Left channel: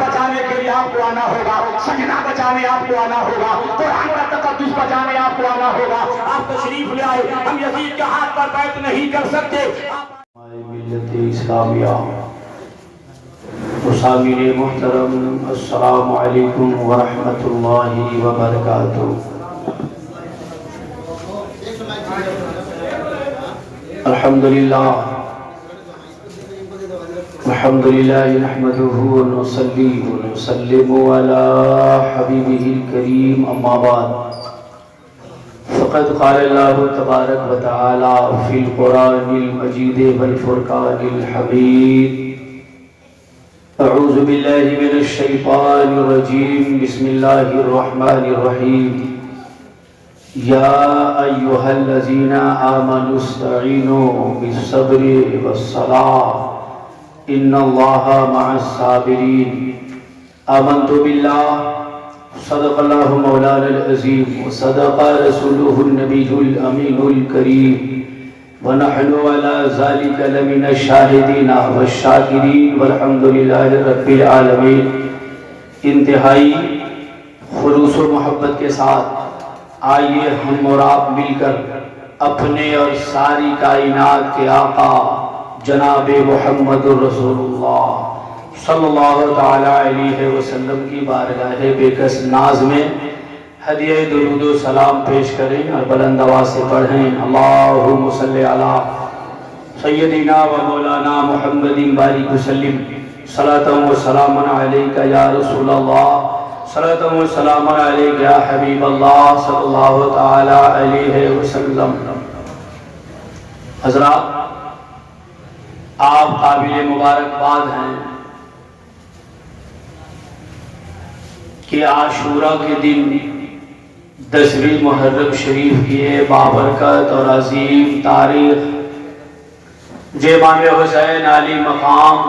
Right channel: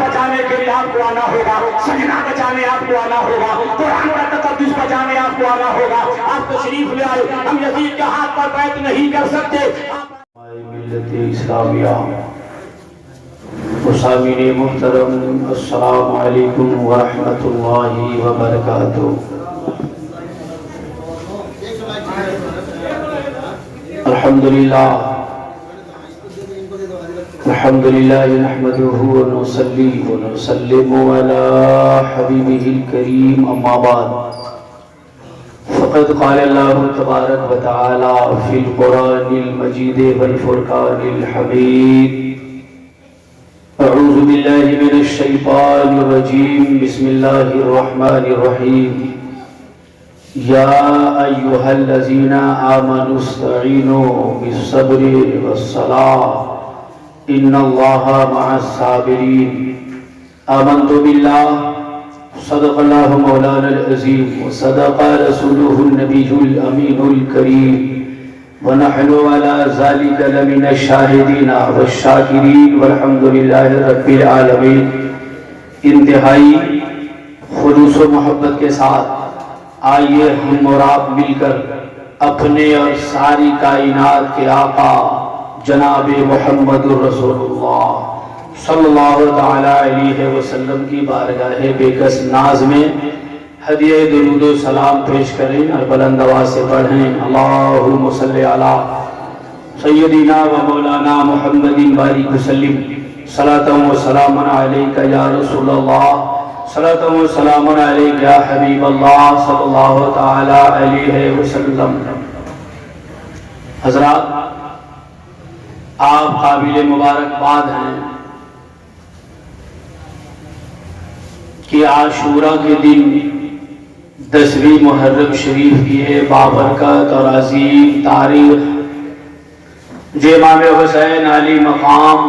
بچانے کے لیے آپ کو آنا ہوگا، سجدہ بچانے آپ کو آنا ہوگا، قرآن کا تقدس بچانے آپ کو آنا ہوگا۔ آپ تشریف لے آئے، ہم یزید کے ہاتھ پر بیعت نہیں کر سکتے۔ ملت اسلامیہ مسامعین محترم، السلام علیکم ورحمۃ اللہ وبرکاتہ۔ الحمدللہ نحمده ونصلي ونسلم على حبيبه الكريم، أما بعد فقد قال الله تبارك وتعالى في القرآن المجيد والفرقان الحميد: أعوذ بالله من الشيطان الرجيم، بسم الله الرحمن الرحيم، يا أيها الذين آمنوا استعينوا بالصبر والصلاة إن الله مع الصابرين۔ آمنت بالله، صدق الله مولانا العظيم، وصدق رسوله النبي الأمين الكريم، ونحن على ذلك لمن الشاهدين والشاكرين، والحمد لله رب العالمين۔ انتہائی خلوص و محبت کے ساتھ آئیے ہم اور آپ مل کر اپنے اور ساری کائنات کے آقا جناب محمد الرسول اللہ صلی اللہ تعالی علیہ وسلم کی بارگاہ بے کس ناز میں ہدیہ درود و سلام پیش کریں اور بلند آواز سے پڑھیں: اللہم صلی علی سیدنا و مولانا محمد بارک وسلم، صلاۃ و سلام علیک یا رسول اللہ، صلاۃ و سلام علیک یا حبیب اللہ صلی اللہ تعالی علیہ وسلم۔ حضرات، آپ قابل مبارکباد ہیں کہ عاشوراء کے دن 10ویں محرم شریف کی بابرکت اور عظیم تاریخ جو امام حسین علی مقام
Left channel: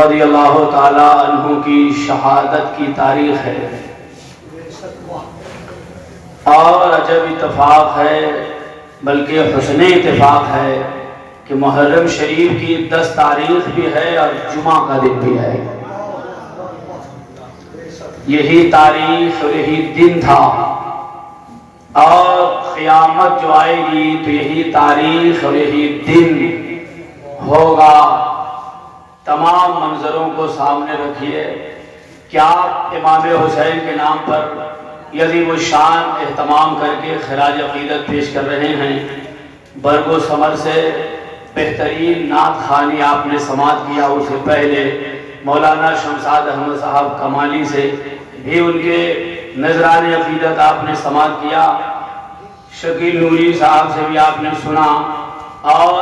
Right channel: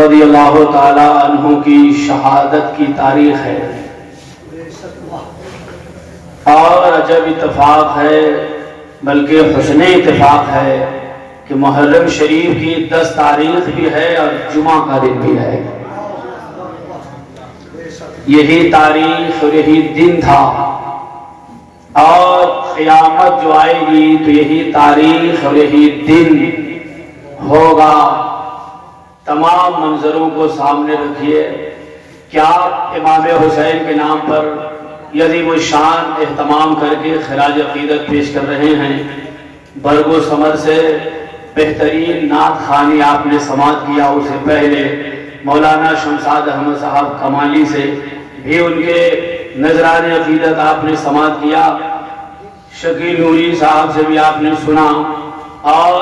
رضی اللہ تعالی عنہ کی شہادت کی تاریخ ہے، اور عجب اتفاق ہے، بلکہ حسن اتفاق ہے کہ محرم شریف کی 10 تاریخ بھی ہے اور جمعہ کا دن بھی ہے۔ یہی تاریخ اور یہی دن تھا، اور قیامت جو آئے گی تو یہی تاریخ اور یہی دن ہوگا۔ تمام منظروں کو سامنے رکھیے کہ آپ امام حسین کے نام پر عظیم الشان اہتمام کر کے خراج عقیدت پیش کر رہے ہیں۔ برگ و ثمر سے بہترین نعت خوانی آپ نے سماعت کیا، اسے پہلے مولانا شمشاد احمد صاحب کمالی سے بھی ان کے نذران عقیدت آپ نے سماعت کیا، شکیل نوری صاحب سے بھی آپ نے سنا، اور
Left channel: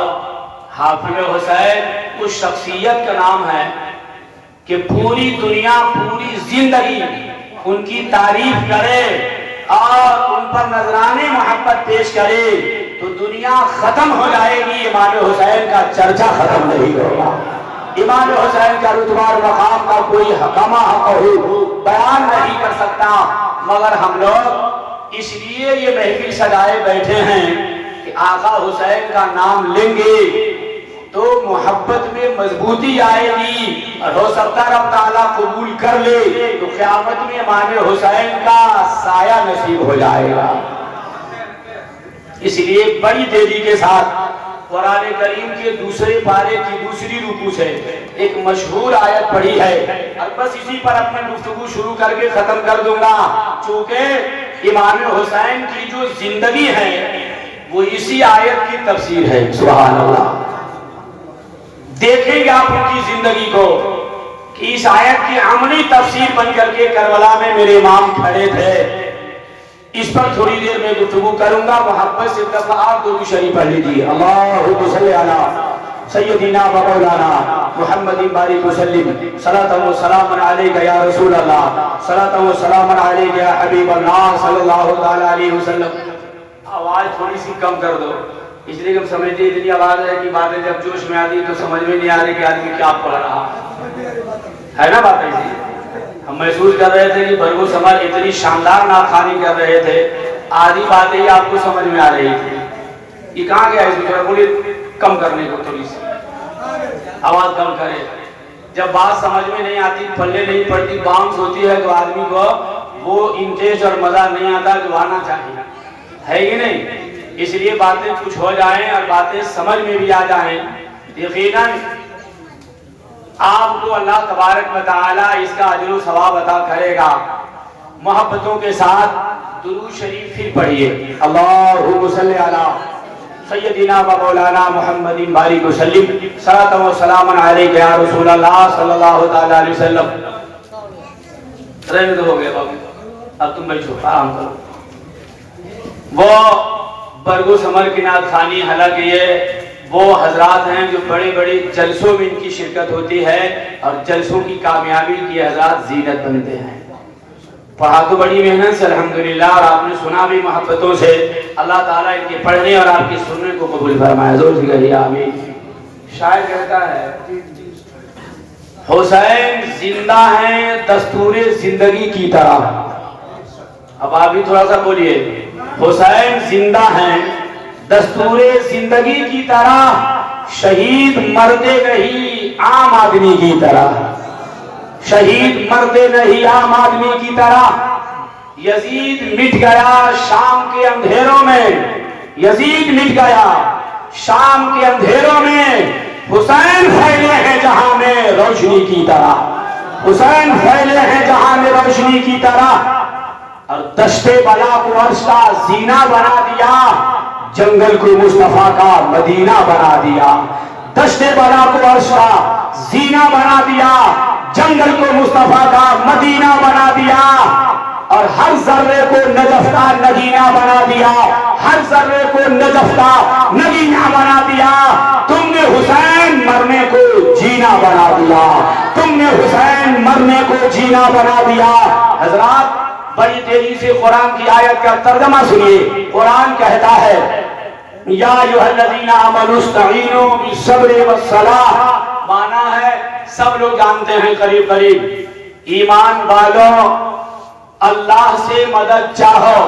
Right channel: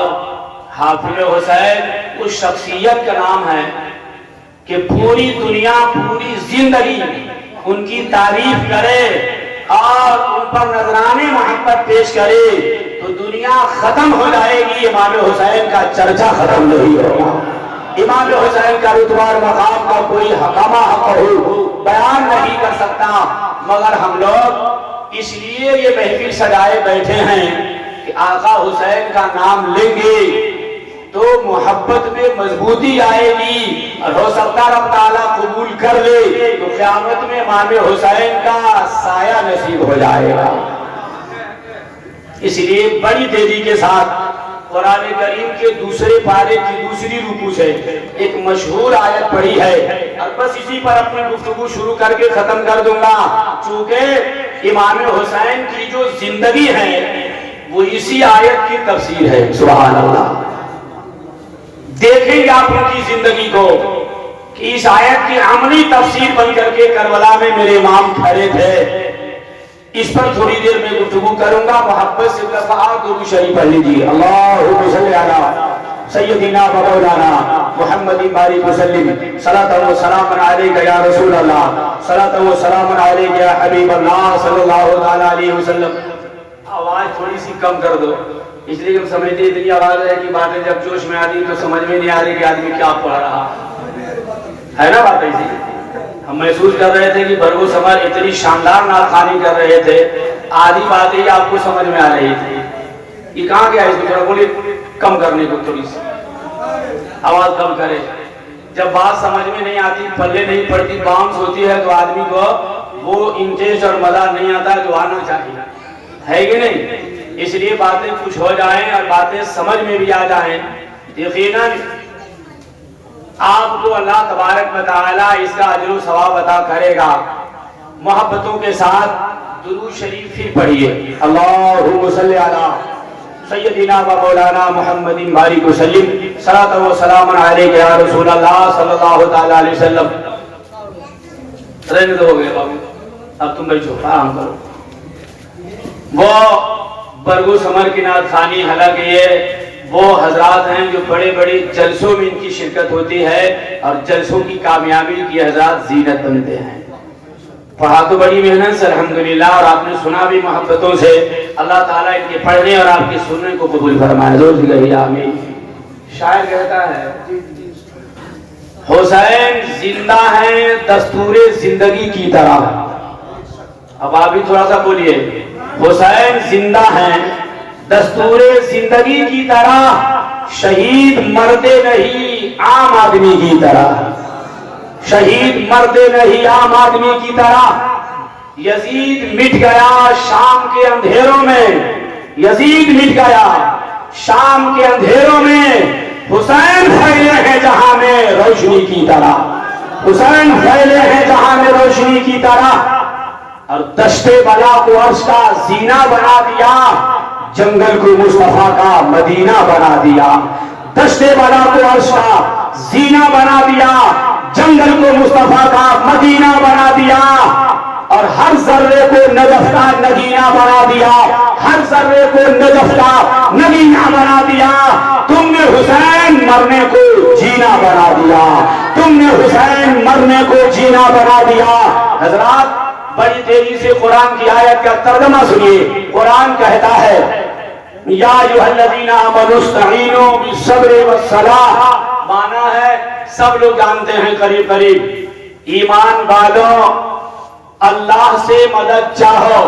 حافظ حسین اس شخصیت کا نام ہے کہ پوری دنیا پوری زندگی ان کی تعریف کرے اور ان پر نذران محبت پیش کرے تو دنیا ختم ہو جائے گی، امام حسین کا چرچا ختم نہیں ہوگا۔ امام حسین کا رتبہ اور مقام کا کوئی حکامہ بیان نہیں کر سکتا، مگر ہم لوگ اس لیے یہ محفل سجائے بیٹھے ہیں کہ آقا حسین کا نام لیں گے تو محبت میں مضبوطی آئے گی، اور ہو سکتا رب تعالیٰ قبول کر لے تو قیامت میں امام حسین کا سایہ نصیب ہو جائے گا۔ اس لیے بڑی تیزی کے ساتھ قرآن کریم کے دوسرے پارے کی دوسری رکوع سے ایک مشہور آیت پڑھی ہے، اور بس اسی پر اپنی گفتگو شروع کر کے ختم کر دوں گا، چونکہ امام حسین کی جو زندگی ہے وہ اسی آیت کی تفسیر ہے۔ سبحان اللہ! دیکھیں گے آپ ان کی زندگی کو کہ اس آیت کی عملی تفسیر بن کر کے کربلا میں میرے امام کھڑے تھے۔ اس پر تھوڑی دیر میں گفتگو کروں گا، محبت سے درود شریف پڑھ لیجیے: اللہم صلی علی سیدنا و مولانا محمد بارک وسلم، صلاۃ و سلام علیک یا رسول اللہ، صلاۃ و سلام علیک یا حبیب اللہ صلی اللہ تعالی علیہ وسلم۔ آواز تھوڑی سی کم کر دو، اس لیے ہم سمجھتے ہیں اتنی آواز ہے کہ باتیں جب جوش میں آتی تو سمجھ میں نہیں آ رہی کہ آدمی کیا پڑھ رہا ہے نا بات ایسی۔ ہم محسوس کر رہے تھے کہ برگ و ثمر اتنی شاندار نعت خوانی کر رہے تھے، آدھی باتیں ہی آپ کو سمجھ میں آ رہی تھی۔ یہ کہاں گیا؟ اس کو تھوڑا بولیے کم کرنے کو، تھوڑی سی آواز کم کرے۔ جب بات سمجھ میں نہیں آتی، پلے نہیں پڑتی، باؤنس ہوتی ہے، تو آدمی کو وہ انٹرسٹ اور مزہ نہیں آتا جو آنا چاہیے، ہے کہ نہیں؟ اس لیے باتیں کچھ ہو جائیں اور باتیں سمجھ میں بھی آ جائیں، یقیناً آپ کو اللہ تبارک و تعالی اس کا اجر و ثواب عطا کرے گا۔ محبتوں کے ساتھ درود شریف پھر پڑھیے، اللہم صلی علی سیدنا و مولانا محمد بارک وسلم، صلاۃ و سلام علیک یا رسول اللہ صلی اللہ تعالی علیہ وسلم۔ رہنے تو ہو گیا بابو، اب تم بیٹھو، آرام کرو۔ وہ برگو سمر کی نعت خوانی، حالانکہ یہ وہ حضرات ہیں جو بڑے بڑے جلسوں میں ان کی شرکت ہوتی ہے اور جلسوں کی کامیابی کی حضرات زینت بنتے ہیں۔ پڑھا تو بڑی محنت سے الحمدللہ، اور آپ نے سنا بھی محبتوں سے۔ اللہ تعالیٰ ان کے پڑھنے اور آپ کے سننے کو قبول فرمائے، زور سے کہیے آمین۔ شاعر کہتا ہے حسین زندہ ہیں دستور زندگی کی طرح۔ اب آپ بھی تھوڑا سا بولیے، حسین زندہ ہیں دستور زندگی کی طرح، شہید مردے نہیں عام آدمی کی طرح، شہید مردے نہیں عام آدمی کی طرح۔ یزید مٹ گیا شام کے اندھیروں میں، یزید مٹ گیا شام کے اندھیروں میں، حسین پھیلے ہیں جہاں میں روشنی کی طرح، حسین پھیلے ہیں جہاں میں روشنی کی طرح۔ اور دشت بلا کو عرش کا زینہ بنا دیا، جنگل کو مصطفیٰ کا مدینہ بنا دیا۔ دشت بلا کو عرش کا زینہ بنا دیا، جنگل کو مصطفیٰ کا مدینہ بنا دیا، اور ہر ذرے کو نجف کا نگینہ بنا دیا، ہر ذرے کو نجف کا نگینہ بنا دیا۔ تم نے حسین مرنے کو جینا بنا دیا، تم نے حسین مرنے کو جینا بنا دیا۔ حضرات بڑی تیزی سے قرآن کی آیت کا ترجمہ سنیے۔ قرآن کہتا ہے یا ایھا الذین آمنوا استعینوا بالصبر والصلاۃ، مانا ہے سب لوگ جانتے ہیں قریب قریب، ایمان والوں اللہ سے مدد چاہو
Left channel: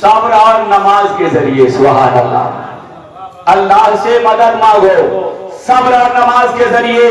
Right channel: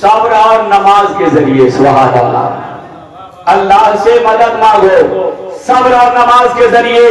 صبر اور نماز کے ذریعے۔ سبحان اللہ، اللہ سے مدد مانگو صبر اور نماز کے ذریعے۔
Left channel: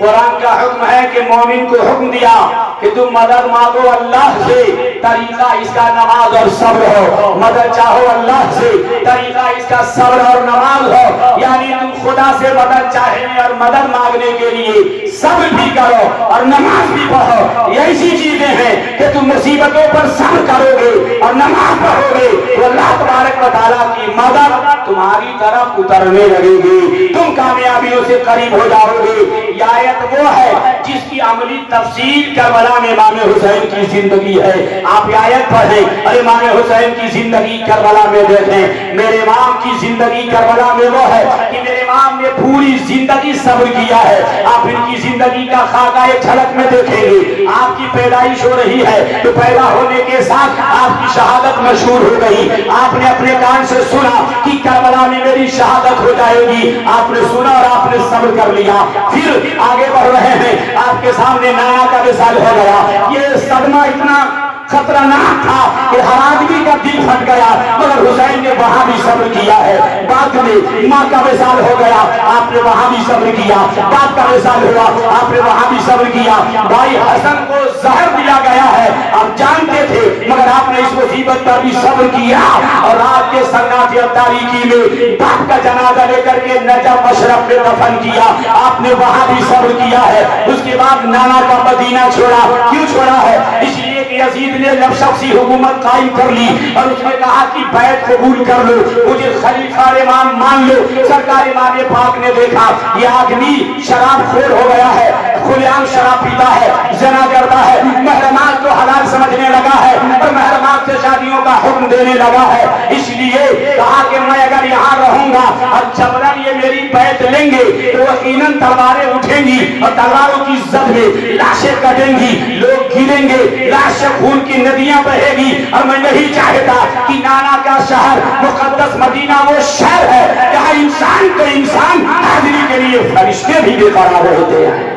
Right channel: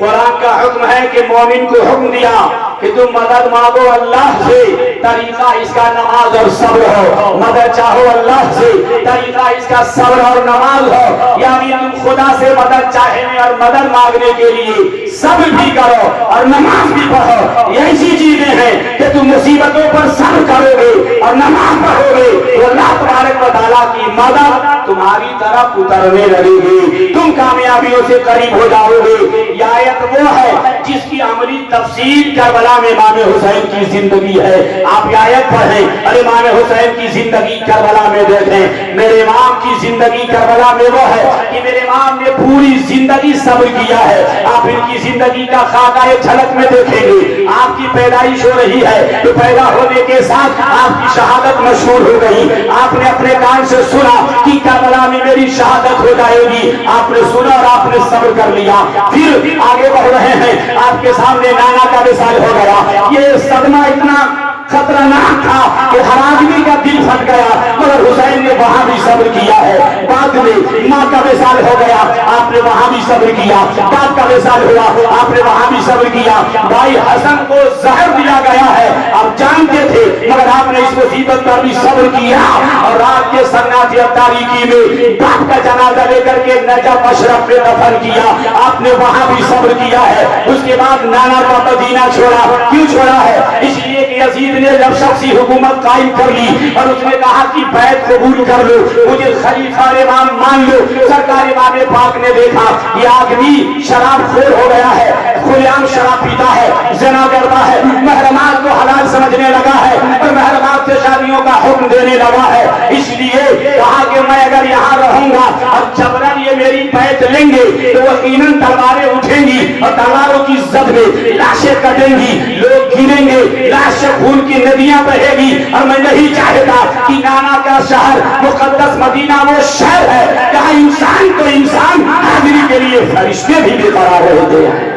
قرآن کا حکم ہے کہ مومن کو حکم دیا کہ تم مدد مانگو اللہ سے، طریقہ اس کا نماز اور صبر ہو۔ مدد چاہو اللہ سے، طریقہ اس کا صبر اور نماز ہو، یعنی تم خدا سے مدد چاہنے اور مدد مانگنے کے لیے صبر بھی کرو اور نماز بھی پڑھو۔ یہ ایسی چیزیں ہیں کہ تم مصیبتوں پر صبر کرو گے اور نماز پڑھو گے تو اللہ تبارک و تعالیٰ کی مدد تمہاری طرف اترنے لگے گی، تم کامیابیوں سے قریب ہو جاؤ گے۔ یہ آیت وہ ہے جس کی عملی تفسیر کربلا میں امام حسین کی زندگی ہے۔ آپ یہ آیت پڑھیں اور امام حسین کی زندگی کربلا میں دیکھیں۔ میرے امام کی زندگی کربلا میں وہ ہے کہ میرے امام نے پوری زندگی صبر کیا ہے۔ آپ ان کی زندگی کا خاکہ جھلک میں دیکھیں گے۔ آپ کی پیدائش ہو رہی ہے تو پیدا ہونے کے ساتھ آپ کی شہادت مشہور ہو گئی۔ آپ نے اپنے کان سے سنا کہ کربلا میں میری شہادت ہو جائے گی، آپ نے سنا اور آپ نے صبر کر لیا۔ پھر آگے بڑھ رہے ہیں، آپ کے سامنے نانا کا وصال ہو گیا۔ یہ صدمہ اتنا خطرناک تھا کہ ہر آدمی کا دل پھٹ گیا، مگر حسین نے وہاں بھی صبر کیا ہے۔ بعد میں ماں کا وصال ہو گیا، آپ نے وہاں بھی صبر کیا۔ باپ کا وصال ہوا، آپ نے وہاں بھی صبر کیا۔ بھائی حسن کو زہر دیا گیا ہے، آپ جانتے تھے مگر آپ نے اس مصیبت پر بھی صبر کیا، اور رات کے سناٹے اور تاریکی میں باپ کا جنازہ لے کر کے نجف اشرف میں دفن کیا، آپ نے وہاں بھی صبر کیا ہے۔ اس کے بعد نانا کا مدینہ چھوڑا، کیوں چھوڑا ہے؟ اس لیے کہ یزید نے جب شخصی حکومت قائم کر لی اور اس نے کہا کہ بیعت قبول کر لو، مجھے خلیفہ امام مان لو، سرکار امام پاک نے دیکھا یہ آدمی شراب خور ہو گیا ہے، کھلے عام شراب پیتا ہے، زنا کرتا ہے، محرمات کو حلال سمجھنے لگا ہے اور محرمات سے شادیوں کا حکم دینے لگا ہے۔ اس لیے کہا کہ میں اگر یہاں رہوں گا اور جبرن یہ میری بیعت لیں گے تو یقیناً تلواریں اٹھیں گی اور تلواروں کی زد میں لاشیں کٹیں گی، لوگ گریں گے، لاش سے خون کی ندیاں بہے گی، اور میں نہیں چاہتا کہ نانا کا شہر مقدس مدینہ وہ شہر ہے جہاں انسان کو انسان حاضری کے لیے فرشتے بھی بے قرار ہوتے ہیں۔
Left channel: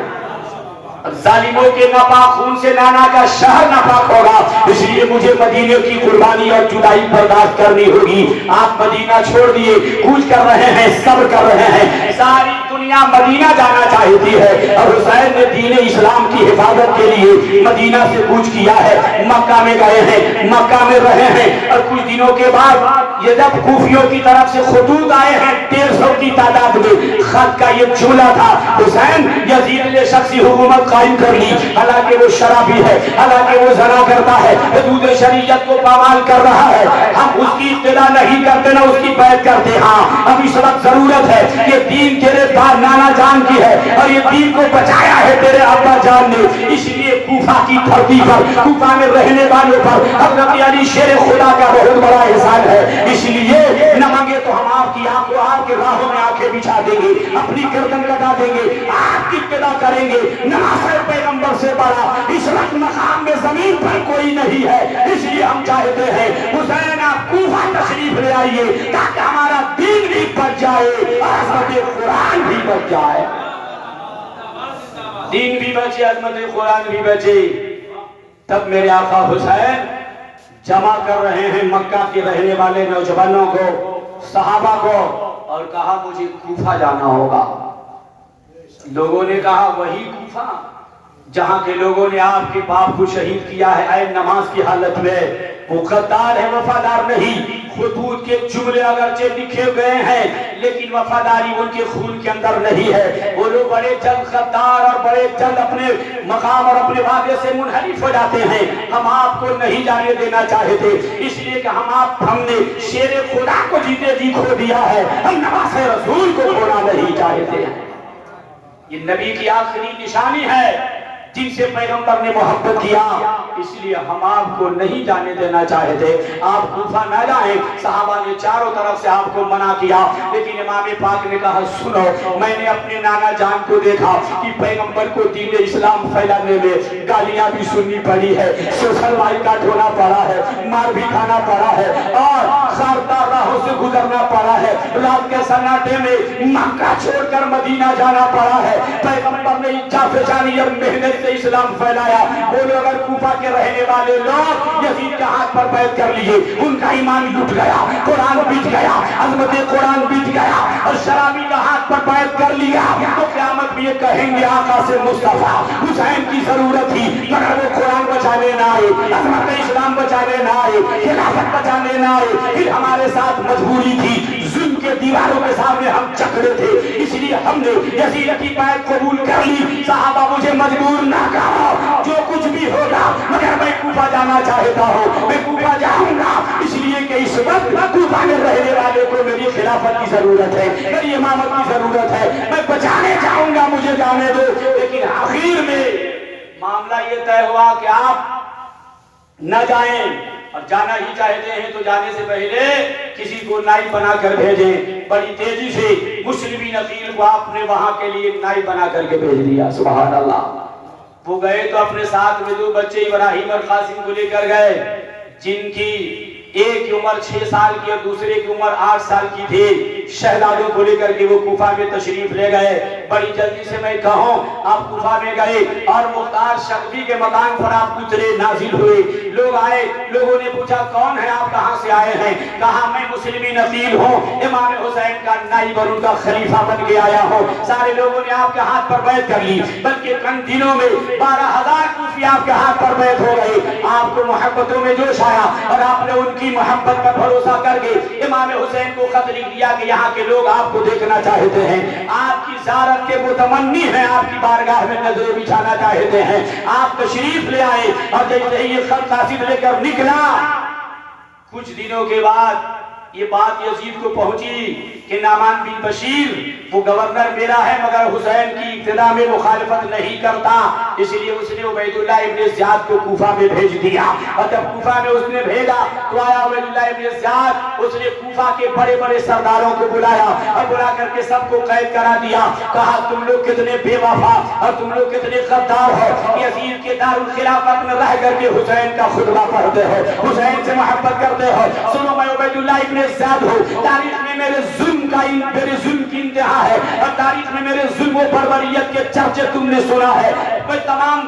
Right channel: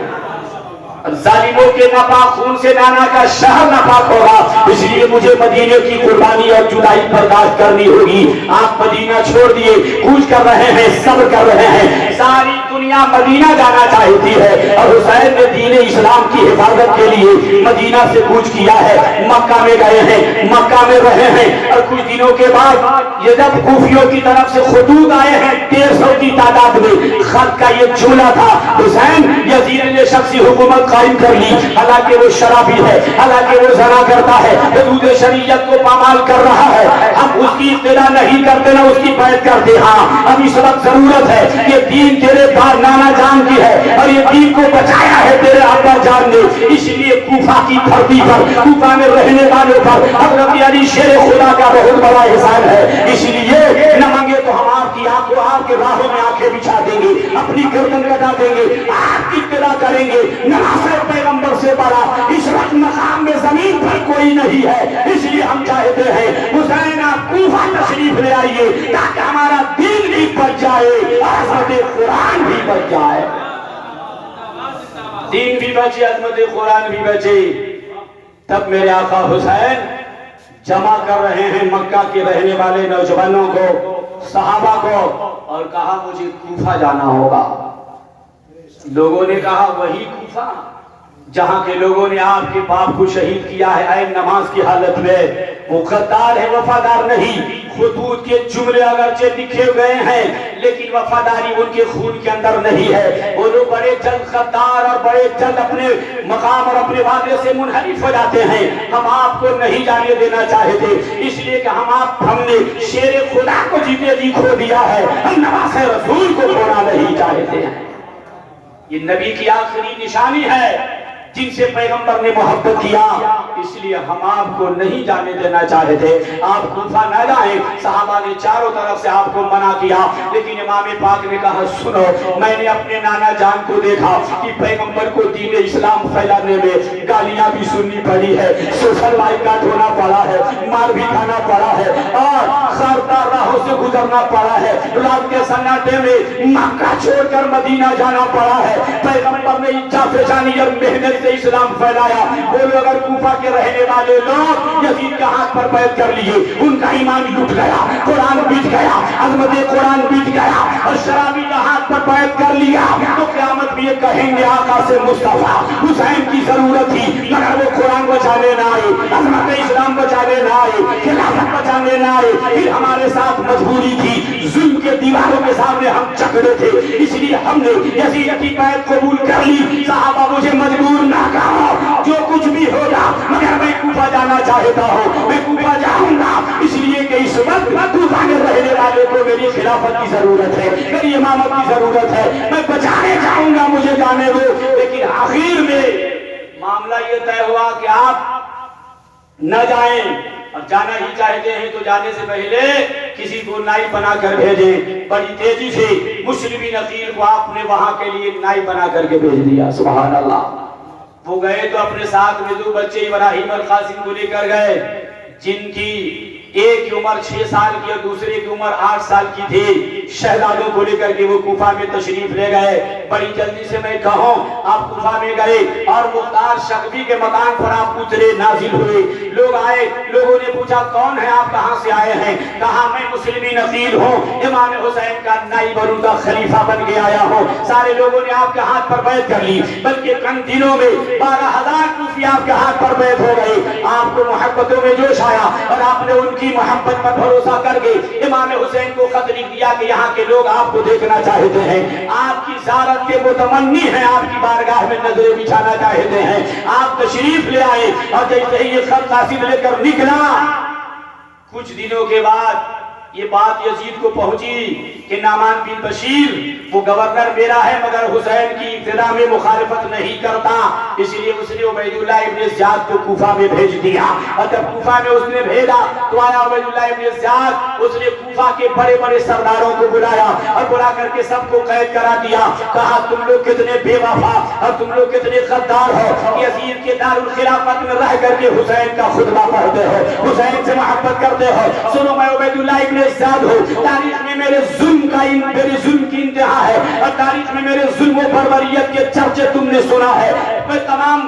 ظالموں کے ناپاک خون سے نانا کا شہر ناپاک ہوگا، اس لیے مجھے مدینے کی قربانی اور جدائی برداشت کرنی ہوگی۔ آپ مدینہ چھوڑ دیے، کوچ کر رہے ہیں، صبر کر رہے ہیں، ساری دنیا مدینہ جانا چاہتی ہے اور حسین نے دین اسلام کی حفاظت کے لیے مدینہ سے کوچ کیا ہے، مکہ میں گئے ہیں، مکہ میں رہے ہیں، اور کچھ دنوں کے بعد یہ جب کوفیوں کی طرف سے خطوط آئے ہیں 150 کی تعداد میں، خط کا یہ جملہ تھا حسین یزید نے شخصی حکومت قائم کر لی، حالانکہ وہ شرابی ہے، حالانکہ وہ زنا کرتا ہے، حدود شریعت کو پامال کر رہا ہے، ہم اس کی ابتدا نہیں کرتے نہ اس کی بیعت کرتے، ہاں اب اس وقت ضرورت ہے، یہ دین تیرے نانا جان کی ہے اور یہ دین کو بچایا ہے تیرے ابا جان نے، اس لیے کوفہ کی دھرتی پر، کوفہ میں رہنے والوں پر حضرت علی شیر خدا کا بہت بڑا احسان ہے، اس لیے نہ مانگے تو ہم آپ کی آنکھوں آپ کے راہوں میں آنکھیں بچھا دیں گے، اپنی گردن کٹا دیں گے، آپ کی ابتدا کریں گے، ناصر پیغمبر سے بڑا اس وقت مقام میں زمین پر کوئی نہیں ہے، اس لیے ہم چاہتے ہیں حسین آپ کوفہ تشریف لے آئیے تاکہ ہمارا دین بھی بچ جائے اور عظمت قرآن بھی بچ جائے، دین بھی بچے عظمت قرآن بھی بچے۔ تب میرے آقا حسین جمع کر رہے ہیں مکہ کے رہنے والے نوجوانوں کو، صحابہ کو، اور کہا مجھے کوفہ جانا ہوگا۔ لوگوں نے کہا وہی کوفہ جہاں کے لوگوں نے آپ کے باپ کو شہید کیا ہے عین نماز کی حالت میں، وہ غدار ہے وفادار نہیں، خطوط کے جملے اگرچہ لکھے گئے ہیں لیکن وفاداری ان کے خون کے اندر نہیں ہے، وہ لوگ بڑے جلد غدار اور بڑے جلد اپنے مقام اور اپنے وعدے سے منحرف ہو جاتے ہیں، ہم آپ کو نہیں جانے دینا چاہتے، اس لیے کہ ہم نے شیر خدا کو جیتے جی کھو دیا ہے، ہم نواز رسول کو کھونا نہیں چاہتے ہیں۔ یہ نبی کی آخری نشانی ہے جن سے پیغمبر نے محبت کیا، اس لیے ہم آپ کو نہیں جانے دینا چاہتے، آپ کوفہ نہ جائیں۔ صحابہ نے چاروں طرف سے آپ کو منع کیا، لیکن امام پاک نے کہا سنو، میں نے اپنے نانا جان کو دیکھا کہ پیغمبر کو دین اسلام پھیلانے میں گالیاں بھی سننی پڑی ہے، سوشل بائیکاٹ ہونا پڑا ہے، مار بھی کھانا پڑا ہے، اور خاردار راہوں سے گزرنا پڑا ہے، رات کے سناٹے میں مکہ چھوڑ کر مدینہ جانا پڑا ہے۔ پیغمبر نے اچھا فشانی اور محنت سے اسلام پھیلایا، وہ لوگ اگر کوفہ کے رہنے والے لوگ یزید کے ہاتھ پر بیعت کر لیے، ان کا ایمان لٹ گیا، قرآن بچ گیا، عظمت قرآن بچ گیا، اور شرابی کا ہاتھ پر بیعت کر لیا تو قیامت بھی یہ کہیں گے آقا سے مصطفیٰ حسین کی ضرورت تھی، مگر وہ قرآن بچانے نہ آئے، عظمت اسلام بچانے نہ آئے، خلافت بچانے نہ آئے، پھر ہمارے ساتھ مجبوری تھی، ظلم کے دیواروں کے سامنے ہم جکڑے تھے، اس لیے ہم نے یزید کی بیعت قبول کر لی۔ صحابہ مجھے مجبور نہ کرو، جو کچھ بھی ہوگا مگر میں کوفہ جانا چاہتا ہوں، میں کوفہ جاؤں گا، اس لیے کہ اس وقت کوفہ میں رہنے والے کو میری خلافت کی ضرورت ہے، میری امامت کی ضرورت ہے، میں بچانے جاؤں گا، مجھے جانے دو۔ لیکن آخر میں معاملہ یہ طے ہوا کہ آپ نہ جائیں، اور جانا ہی چاہتے ہیں تو جانے سے پہلے کسی کو نائب بنا کر بھیجیں۔ بڑی تیزی سے مسلمین عقیل کو آپ نے وہاں کے لیے نائب بنا کر کے بھیج دیا، سبحان اللہ۔ وہ گئے تو اپنے ساتھ میں دو بچے ابراہیم اور قاسم کو لے کر گئے، جن کی ایک کی عمر 6 سال کی اور دوسرے کی عمر 8 سال کی تھی۔ شہزادوں کو لے کر کے وہ کوفہ میں تشریف لے گئے۔ بڑی جلدی سے میں کہوں آپ کوفہ میں گئے اور مختار شغبی کے مقام پر آپ اترے، نازل ہوئے، لوگ آئے، لوگوں نے پوچھا کون ہے آپ، کہاں سے آئے ہیں؟ کہا میں مسلمین عقیل ہوں، امام حسین کا نائب اور ان کا خلیفہ بن کے آیا ہوں۔ سارے لوگوں نے آپ کے ہاتھ پر بیعت کر لی، بلکہ چند دنوں میں 12,000 کوفی آپ کے ہاتھ پر بیعت ہو گئے۔ آپ کو محبتوں میں جوش آیا اور آپ نے ان کی محبت پر بھروسہ کر کے امام حسین کو خط لکھ دیا کہ یہاں کے لوگ آپ کو دیکھنا چاہتے ہیں، آپ کی زیارت کے متمنی ہیں، آپ کی بارگاہ میں نظریں بچھانا چاہتے ہیں، آپ تشریف لے آئے۔ اور دیکھتے ہی یہ خط قاصد لے کر نکلا۔ کچھ دنوں کے بعد یہ بات یزید کو پہنچی کہ نعمان بن بشیر وہ گورنر میرا ہے مگر حسین کی ابتدا میں مخالفت نہیں کرتا، اس لیے اس نے عبید اللہ ابن زیاد کو کوفہ میں بھیج دیا۔ اور جب کوفہ میں اس نے بھیجا تو آیا عبید اللہ ابن زیاد، اس نے کوفہ کے بڑے بڑے سرداروں کو بلایا اور بلا کر کے سب کو قید کرا دیا۔ کہا تم لوگ کتنے بے وفا اور تم لوگ کتنے غدار ہو، یزید کے دارالخلافت میں رہ کر کے حسین کا خطبہ پڑھتے ہو، حسین سے محبت کرتے ہو۔ سنو میں عبید اللہ ابن زیاد ہوں، تاریخ میں میرے ظلم کی انتہا ہے اور تاریخ میں میرے ظلم و بربریت کے چرچے تم نے سنا ہے۔ میں تمام